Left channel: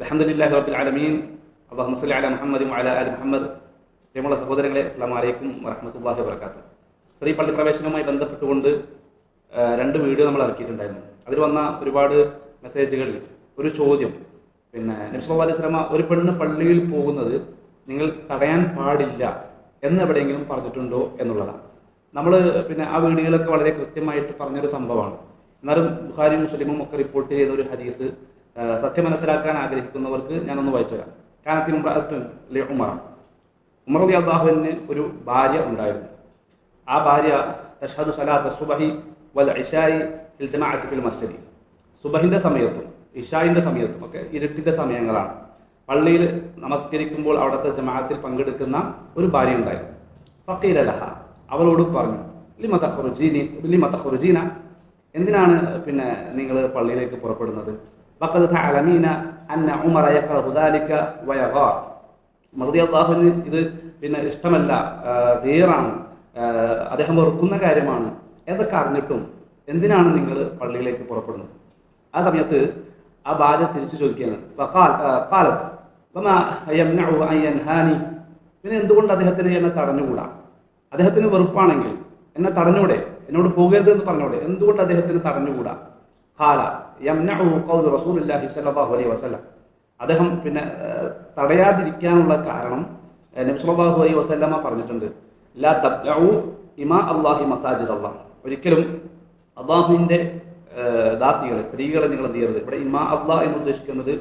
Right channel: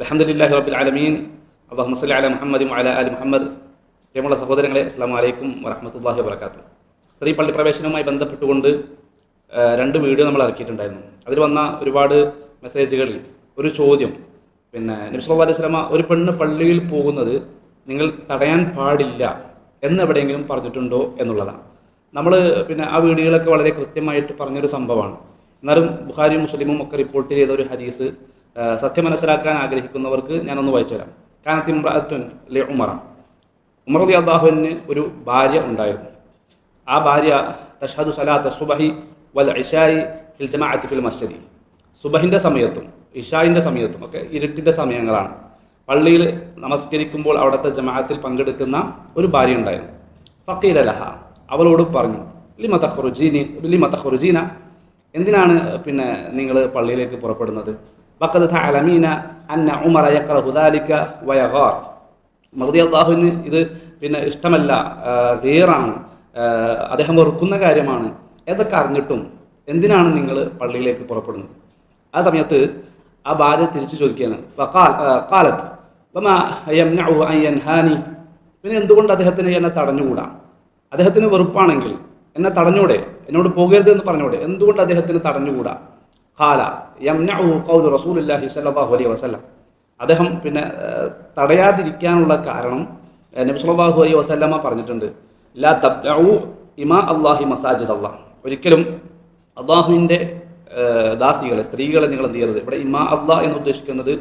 അൽഹംദുലില്ലാഹി റബ്ബിൽ ആലമീൻ അല്ലാഹുമ്മ സ്വല്ലി അലാ മുഹമ്മദിൻ വഅലാ ആലി മുഹമ്മദ്. പ്രിയമുള്ള സഹോദരങ്ങളെ, അസ്സലാമു അലൈക്കും വറഹ്മത്തുള്ളാഹി വബറകാതുഹു. സ്ത്രീ പള്ളി പ്രവേശനവുമായി ബന്ധപ്പെട്ടുകൊണ്ട് രണ്ട് വീഡിയോ നമ്മൾ ഇറക്കിയിട്ടുണ്ടായിരുന്നു. അതിൽ വന്ന ഒരുപാട് മെസ്സേജുകളിൽ ഒരു ചോദ്യം, നബി സല്ലല്ലാഹു അലൈഹി വസല്ലമ ഒരു പെണ്ണ് പള്ളിയിൽ പോകുന്നത് നിങ്ങൾ തടയാൻ പാടില്ല എന്നെവിടെയെങ്കിലും പറഞ്ഞിട്ടുണ്ടോ എന്നുള്ളതാണ്. നമ്മൾ ആ വീഡിയോയിലൊക്കെ വളരെ കൃത്യമായിട്ട് പറഞ്ഞൊരു സംഭവമാണ്. എന്നാലും ബുഖാരിയും മുസ്ലിമും ഒക്കെ റിപ്പോർട്ട് ചെയ്ത ഒരു ഹദീസ് സത്യം മനസ്സിലാക്കാൻ ആഗ്രഹിക്കുന്നവർക്ക് ഞാനൊന്ന് വായിച്ചു തരാം. കാനത്തി ഇംറഅത്തുൻ ലി ഉമർ റളിയല്ലാഹു അൻഹു ഒരു ഭാര്യ ഉണ്ടായിരുന്നു. ആ ഭാര്യ തഷ്ഹദു സലാത്ത സുബഹി വൽ ഇശാഇ ഫിൽ ജമാഅത്തി ഫിൽ മസ്ജിദ്. സുബഹിന്റെ സമയത്തും ഇശാഇന്റെ സമയത്തും ഒക്കെ ഇരുട്ടിന്റെ സമയങ്ങളാണ്. പള്ളിയിൽ നമസ്കരിക്കുമ്പോൾ അവിടുത്തെ ജമാഅത്തിൽ പങ്കെടുക്കുന്ന ഒരു ഭാര്യ ഉണ്ടായിരുന്നു. ഫഖീല ലഹ, അവളോട് പറഞ്ഞു, ലിമ തഖറുജീന, എന്തിനാണ് നിങ്ങൾ പള്ളിയിലേക്ക് പുറപ്പെടുന്നത്? വഖദ് തഅലമീന അന്ന ഉമറ യഖറഹു ദാലിക വയഗാർ. റളിയല്ലാഹു അൻഹു ഇത് ഇഷ്ടമല്ല, ഗീറാണ്, അദ്ദേഹം വെറുക്കുന്ന കാര്യമാണ് എന്നൊക്കെ അറിഞ്ഞിട്ടും എന്തിനാണ് നിങ്ങൾ പള്ളിയിലേക്ക് പുറപ്പെടുന്നത്? ആ സമയത്ത് ആ ഭാര്യ തിരിച്ചു ചോദിക്കുകയാണ്, ഖാലത്ത് വമാ യംനഉ അൻ യൻഹാനി, എന്തുകൊണ്ട് അദ്ദേഹത്തിന് എന്നെ തടഞ്ഞുകൂടാ? അദ്ദേഹത്തിന് വെറുപ്പാണെങ്കിൽ എന്നെ തടഞ്ഞൂടെ? എന്നോട് പോകരുത് എന്ന് പറഞ്ഞൂടെ? എന്തുകൊണ്ട് അദ്ദേഹത്തിന് തടഞ്ഞുകൂടാ? ഖാല യംനഉ ഖൗലു റസൂലുള്ളാഹി സ്വല്ലല്ലാഹു അലൈഹി വസല്ലം. അദ്ദേഹം തടയാതിരിക്കാനുള്ള കാരണം നബി സല്ലല്ലാഹു അലൈഹി വസല്ലമ പറഞ്ഞിട്ടുണ്ട്, ലാ തബ്ദഉ ഇമാ അല്ലാഹി മസാജിദ് അല്ലാഹ്. ഒരിക്കലും അല്ലാഹുവിന്റെ ദാസികളെ, സ്ത്രീകളെ നിങ്ങൾ എന്ത് ചെയ്യരുത്. ഇവിടെ ഇമാ അല്ലാഹ് എന്ന് ഉദ്ദേശിക്കുന്നത്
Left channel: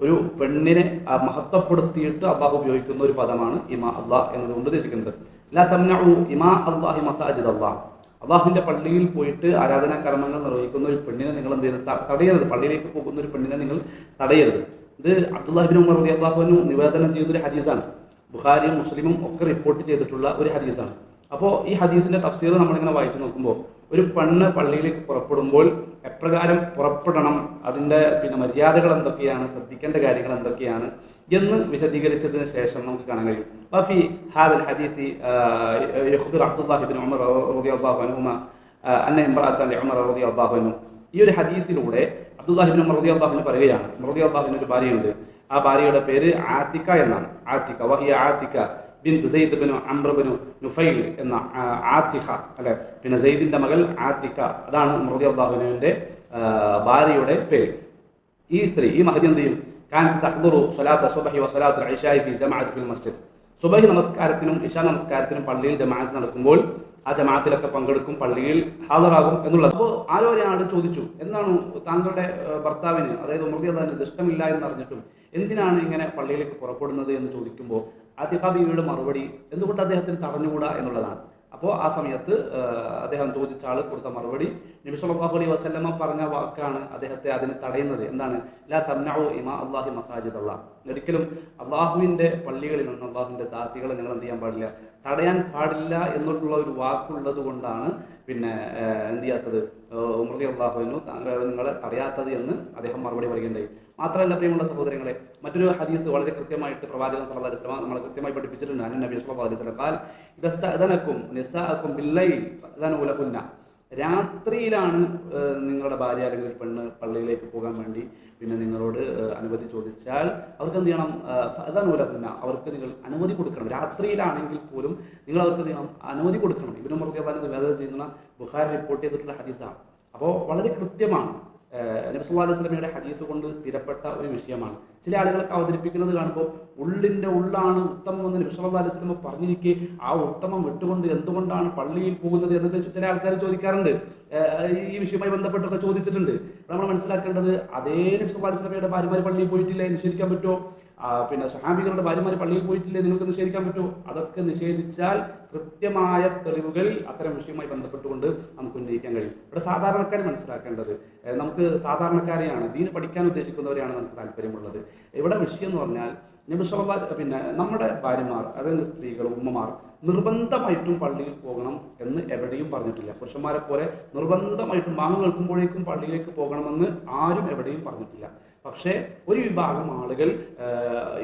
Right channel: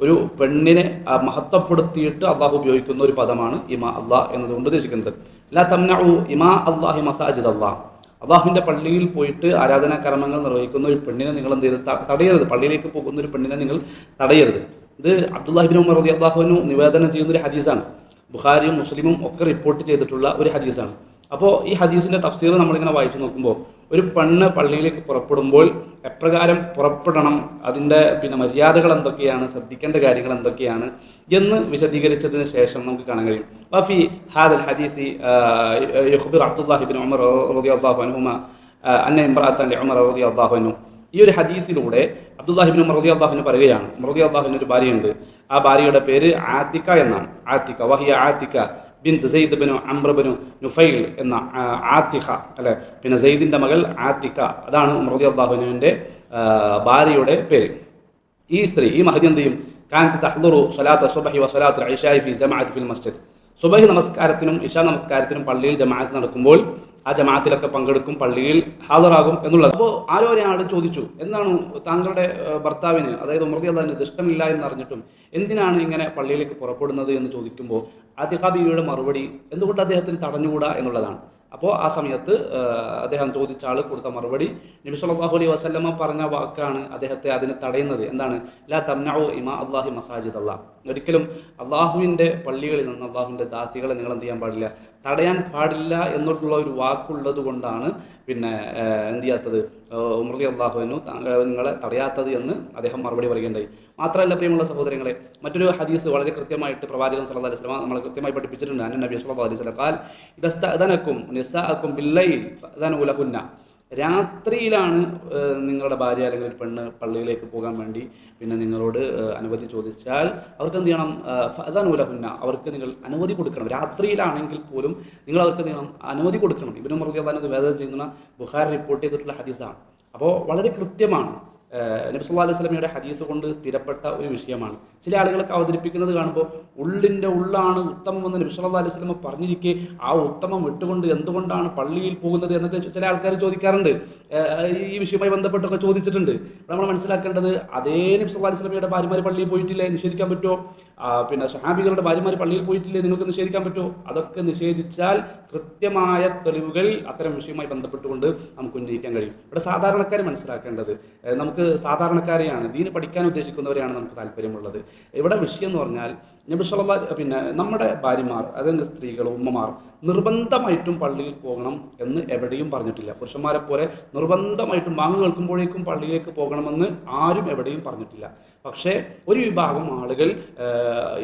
ഒരു പെണ്ണിനെ മഹത്വപ്പെടുത്തിയിട്ട് അള്ളാഹു ഉപയോഗിക്കുന്ന ഒരു പദമാണ് ഇമാ അല്ലാഹ് എന്നതുകൊണ്ട് ഉദ്ദേശിക്കുന്നത്. ലാ തംനഉ ഇമാ അല്ലാഹി മസാജിദ് അല്ലാഹ്. അള്ളാഹുവിന്റെ പള്ളിയിൽ പോയിട്ട് ആരാധനാ കർമ്മങ്ങൾ നിർവഹിക്കുന്ന ഒരു പെണ്ണിനെ നിങ്ങൾ എന്ത് ചെയ്ത് തടയരുത്. പള്ളിയിലേക്ക് പോകുന്ന ഒരു പെണ്ണിനെ നിങ്ങൾ തടയരുത്. ഇത് അബ്ദുല്ലാഹി ഇബ്നു ഉമർ റളിയല്ലാഹു അൻഹു നിവേദനം ചെയ്യുന്ന ഒരു ഹദീസാണ്. ബുഖാരിയും മുസ്ലിമും ഒക്കെ റിപ്പോർട്ട് ചെയ്തിട്ടുള്ള ഒരു ഹദീസാണ്. അപ്പോൾ ഈ ഹദീസിന്റെ തഫ്സീർ നമ്മളിങ്ങനെ വായിച്ചു നോക്കുമ്പോൾ, ഒരു പെണ്ണ് പള്ളിയിലേക്ക് പുറപ്പെടുമ്പോൾ എപ്രകാരം പുറപ്പെടണം, അതിൻ്റെ മര്യാദകൾ എന്തൊക്കെയാണ്, ശ്രദ്ധിക്കേണ്ട കാര്യങ്ങൾ എന്തൊക്കെയാണ് എന്ന് വിശദീകരിച്ചതിന് ശേഷം നമുക്ക് കാണാൻ കഴിയും. വഫി ഹാദൽ ഹദീസി യുഖ്ബിർ അബ്ദുല്ലാഹി ഇബ്നു ഉമർ റളിയല്ലാഹു അൻഹുമ അന്ന ഇംറഅത്തൻ ലിഉമർ റളിയല്ലാഹു അൻഹു. ഈ ഒരു ഹദീസിലൂടെ അബ്ദുല്ലാഹി ഇബ്നു ഉമർ റളിയല്ലാഹു അൻഹു പറയുകയാണ്, റളിയല്ലാഹു അൻഹു ഒരു ഭാര്യയുണ്ട്. ആ ഭാര്യയുടെ പേര് ആതിക എന്നാണ്. ആതിക വഹിയ Atika bint Zaid bin Amr bin Nufail എന്ന ആതിക അല്ലെ, സെയ്ദിന്റെ മകൾ ആതിക, അതാണ് റളിയല്ലാഹു അൻഹുവിന്റെ ഭാര്യയുടെ പേര്. ഈ സ്ത്രീ, ഈ മഹദി എന്ത് ചെയ്യും? കാനത്ത് തഹ്ദുറു സ്വലാത്ത സുബ്ഹി വ സ്വലാത്തുൽ ഇശാഇ ഫി ജമാഅത്തി ഫിൽ മസ്ജിദ്. സുബ്ഹി നമസ്കാരത്തിനും ഇശാ നമസ്കാരത്തിനും പള്ളിയിൽ ജമാഅത്ത് നടക്കുമ്പോൾ ആ ജമാഅത്തിലൊക്കെ പങ്കെടുക്കും, പള്ളിയിൽ ഹാജറാകും എന്നുള്ളത്. അപ്പോൾ ആരോ ഒരാൾ ചോദിച്ചു, എന്താണ് താങ്കളുടെ ഭർത്താവിന്, അതായത് ഉമർ റളിയല്ലാഹു അൻഹു ഇഷ്ടമില്ല എന്നറിഞ്ഞിട്ടും എന്തിനാണ് ഇങ്ങനെ പള്ളിയിലേക്ക് പുറപ്പെടുന്നത് എന്ന് ചോദിക്കുമ്പോൾ ആതിഖ ബീവിയുടെ മറുപടി എന്തുകൊണ്ട് അദ്ദേഹത്തിന് തടഞ്ഞുകൂടാ എന്നുള്ളതാണ്. അപ്പോൾ ആ സമയത്ത് അദ്ദേഹം ചോദിച്ച ആൾ കൊടുത്ത മറുപടി, നബി സല്ലല്ലാഹു അലൈഹി വസല്ലമ പറഞ്ഞ വാക്കാണ് അദ്ദേഹത്തെ അതിന് തടയുന്നത്. എന്താണ്? ലാ തംനഉ ഇമാ അല്ലാഹി മസാജിദ് അല്ലാഹ്. ഒരിക്കലും അള്ളാഹുവിന്റെ പള്ളികളിൽ നിന്ന് അള്ളാഹുവിന്റെ ദാസികളെ നിങ്ങൾ എന്ത് ചെയ്യാൻ പാടില്ല, തടയാൻ പാടില്ല എന്നുള്ള ഒരു വാക്കുള്ളത് കൊണ്ടാണ് എന്ത് ചെയ്യാത്തത്, ഉമർ റളിയല്ലാഹു അൻഹു നിങ്ങളെ തടയാത്തത് എന്ന് അദ്ദേഹം മറുപടി പറയുകയുണ്ടായി. മാത്രമല്ല പ്രിയമുള്ള സഹോദരങ്ങളെ, മറ്റൊരു ഹദീസ് വളരെ കൃത്യമായിട്ട് പ്രവാചകൻ സല്ലല്ലാഹു അലൈഹി വസല്ലം നമ്മളെ കൃത്യമായി പഠിപ്പിച്ചിട്ടുണ്ട്. അന്ന നബി സല്ലല്ലാഹു അലൈഹി വസല്ലം ഖാൽ ഇദസ്തഅദനകും നിസാഅകും ബില്ലൈൽ ഫഅദനു ലഹുന്ന. രാത്രിയിലാണ് നിങ്ങളുടെ ഭാര്യ അല്ലെങ്കിൽ ഒരു പെണ്ണ് പള്ളിയിലേക്ക് പോകാൻ വേണ്ടി നിങ്ങളോട് അനുമതി ചോദിച്ചാൽ അവർക്ക് എന്ത് ചെയ്യണം? ഫഅദനു ലഹുന്ന, അവർക്ക് നിങ്ങൾ അനുമതി കൊടുക്കണം. രാത്രിയിലാണെങ്കിൽ പോലും നിങ്ങൾ അവർക്ക് അനുമതി കൊടുക്കണം. ഇബ്നു ഉമർ റളിയല്ലാഹു അൻഹു നിവേദനം ചെയ്യുന്ന ബുഖാരി റിപ്പോർട്ട് ചെയ്തിട്ടുള്ള ഹദീസാണ്. അപ്പോൾ വളരെ കൃത്യമാണ്. നബി സല്ലല്ലാഹു അലൈഹി വസല്ലമയുടെ ഹദീസ് കൊണ്ട് സ്ഥിരപ്പെട്ട ഒരു വിഷയമാണ്. ചില ആളുകളൊക്കെ അവതരിപ്പിക്കുന്നത് കാണുമ്പോൾ ഉള്ളിന്റെ ഉള്ളാണ് ഉത്തമം എന്ന് നബി സല്ലല്ലാഹു അലൈഹി വസല്ലമ പറഞ്ഞിരിക്കെ ആ ഉത്തമം വിട്ടുകൊണ്ട് എന്തുകൊണ്ടാണ് പള്ളിയിൽ പോകുന്നത് എന്നൊക്കെ ചില ആൾക്കാർ ചോദിക്കാറുണ്ട്. ഈ വിഷയവുമായി ബന്ധപ്പെട്ടൊക്കെ ചോദിച്ചിട്ടുണ്ട്. നമ്മൾ മനസ്സിലാക്കേണ്ടത്, അതേ നബി സല്ലല്ലാഹു അലൈഹി വസല്ലമയുടെ ഭാര്യമാർ പള്ളിയിൽ പോയിട്ടില്ലേ, നിഷേധിക്കാൻ പറ്റുമോ? സ്വഹാബികളുടെ ഭാര്യമാർ പള്ളിയിൽ പോയിട്ടില്ലേ, നിങ്ങൾക്ക് നിഷേധിക്കാൻ പറ്റുമോ? അതൊക്കെ നിഷേധിച്ചാൽ കൃത്യമായ തെളിവുകൾ അത്തരം വിഷയവുമായി ബന്ധപ്പെട്ടുകൊണ്ട് നമുക്ക് ഉന്നയിക്കാൻ കഴിയും. ഇവിടെ സാധാരണക്കാർ മനസ്സിലാക്കേണ്ടത്, നമുക്ക് സാധാരണക്കാരെയാണ്, ദീന് പഠിക്കാൻ ഉദ്ദേശിക്കുന്നവരെയാണ് നമുക്ക് താല്പര്യമുള്ളത്. ഇവിടെ വിഷയം എന്ന് പറഞ്ഞാൽ നബി സല്ലല്ലാഹു നമ്മുടെ ഭാര്യമാർ, അതായത് സ്ത്രീകൾ, ഉമ്മമാർ നിർബന്ധമായിട്ടും പള്ളിയിൽ പോകണം എന്ന് എവിടെയും പറഞ്ഞിട്ടില്ല. പുരുഷന്മാരെ പോലെ നിർബന്ധമായിട്ടും ബാങ്ക് കേൾക്കുമ്പോഴേക്കും പള്ളിയിലേക്ക് പോകണമെന്ന് ആരും എവിടെയും പറഞ്ഞിട്ടില്ല. പക്ഷേ ഒരു വിഭാഗം ആളുകൾ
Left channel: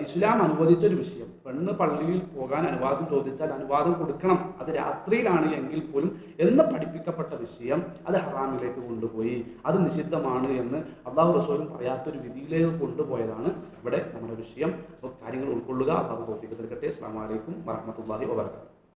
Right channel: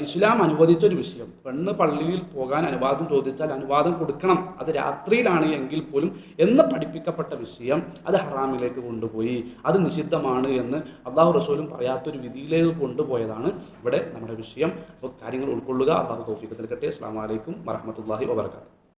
ഇസ്ലാം അനുവദിച്ച ഒരു വിഷയം, പെണ്ണ് പള്ളിയിൽ പോകാൻ അനുവാദം ചോദിച്ചാൽ അനുവാദം കൊടുക്കണം, അത് രാത്രിയിലാണ് എങ്കിൽ പോലും എന്ന് പഠിപ്പിക്കപ്പെട്ട വിഷയം അത് ഹറാമിലേക്ക് കൊണ്ടുപോയി, അത് നിഷിദ്ധമാണ് എന്ന് അള്ളാഹു റസൂലും പറയാത്തൊരു വിധിയിലേക്ക് കൊണ്ടുപോയതാണ് ഇവിടെ നമ്മുടെ വിഷയം. അപ്പോൾ കാര്യങ്ങൾ ഉൾക്കൊള്ളുക. അള്ളാഹു തൗഫീഖ് നൽകട്ടെ. അസ്സലാമു അലൈക്കും വറഹ്മത്തുള്ളാഹി വബറകാതുഹു.